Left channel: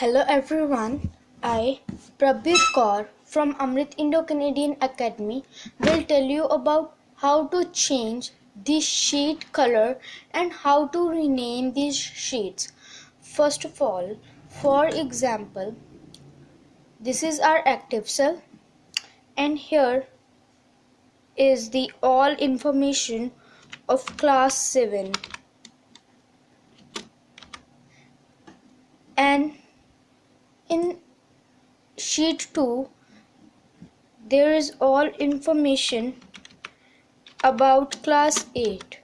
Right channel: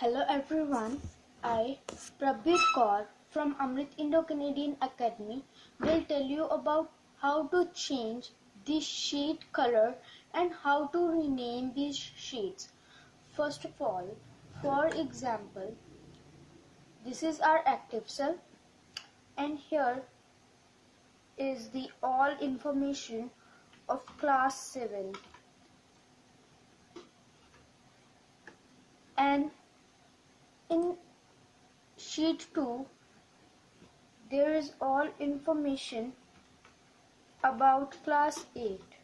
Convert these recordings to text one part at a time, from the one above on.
Hello everyone, I, Prabhdeep Kaur from Amrit Indo-Canadian Academy will tell you about how to change the sheet color and how to rename these sheets. First of all, for example, this is our active cell and here is the all information of class 7 and in sheet 2 there is all information about class 8.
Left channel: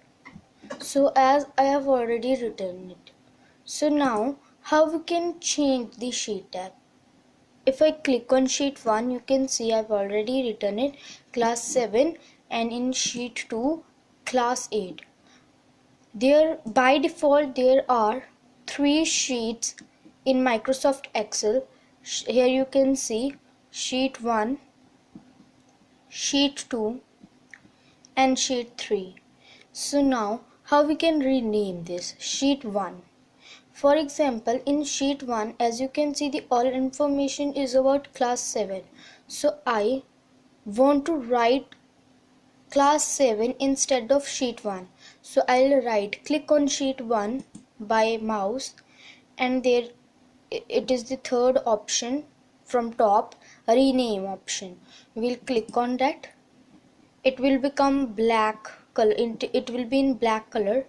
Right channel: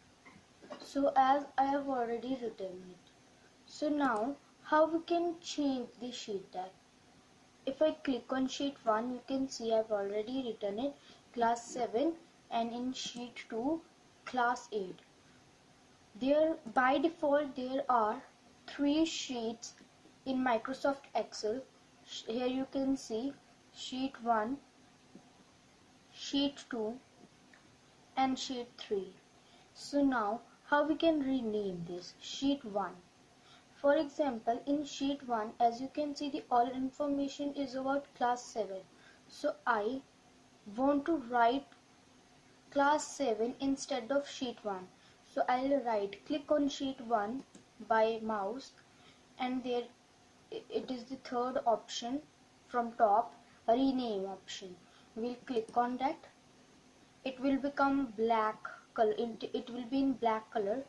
So as I have already written it. So now how we can change the sheet tab? If I click on sheet 1, you can see I've already written it class 7 and in sheet 2 class 8. There by default there are 3 sheets in Microsoft Excel. Here you can see sheet 1, sheet 2 and sheet 3. So now how we can rename this sheet 1? For example, in sheet 1 as you can see the all information is about class 7. So I want to write class 7 instead of sheet 1. So I'll right click on sheet 1 by mouse and there it is the third option from top, rename option. We'll click on that. It will become black color, it will be in black color.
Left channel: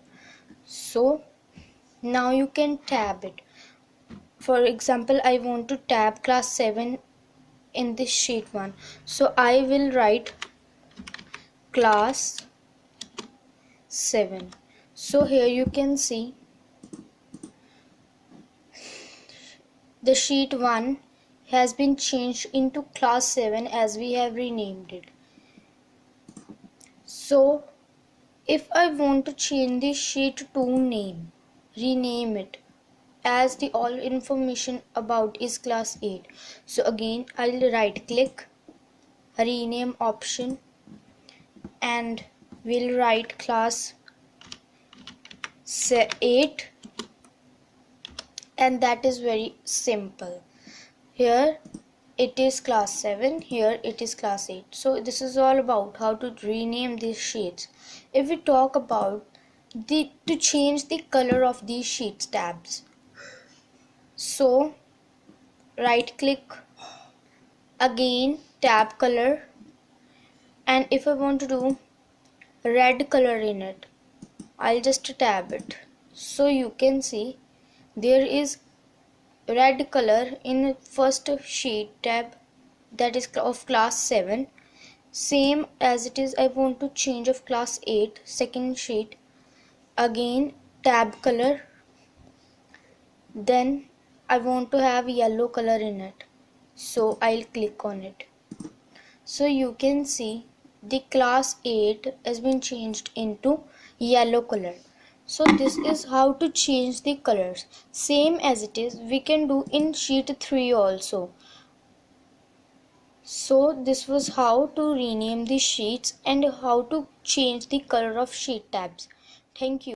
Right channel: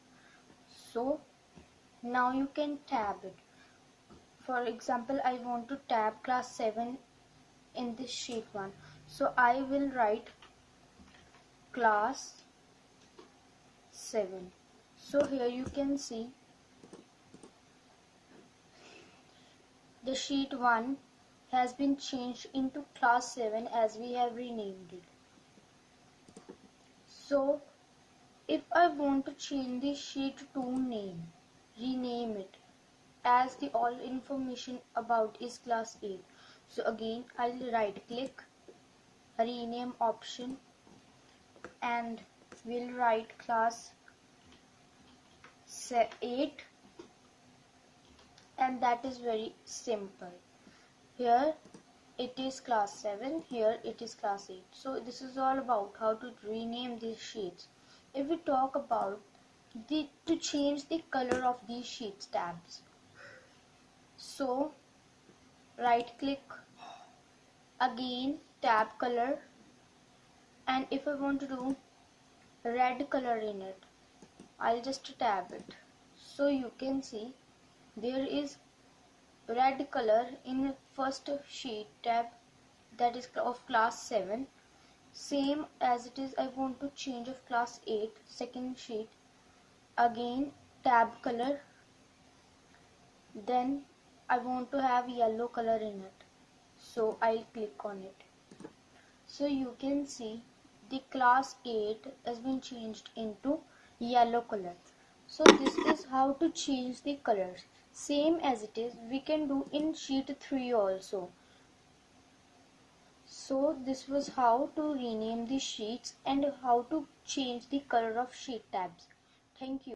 So now you can tab it. For example, I want to tab class 7 in this sheet 1. So I will write class 7. So here you can see the sheet 1 has been changed into class 7 as we have renamed it. So if I want to change the sheet 2 name, rename it as the all information about is class 8. So again I'll right click, rename option and we'll write class 8 and that is very simple. Here it is class 7, here it is class 8. So this is all about how to rename these sheets. If we talk about to change the color of these sheets tabs, so right click, again tab color, and if I want to do red color in it, I'll just tab it. So you can see there is red color in first sheet tab, that is of class 7. Same as it is I want to change of class 8 second sheet, again tab color, then I want to have yellow color in it, so I'll click on it. So you can see the class 8 has been changed into yellow color. So this is how to change the colors. Same as it is we can do in sheet 3 also. So this was how to rename the sheets and how to change the color of sheet tabs. Thank you.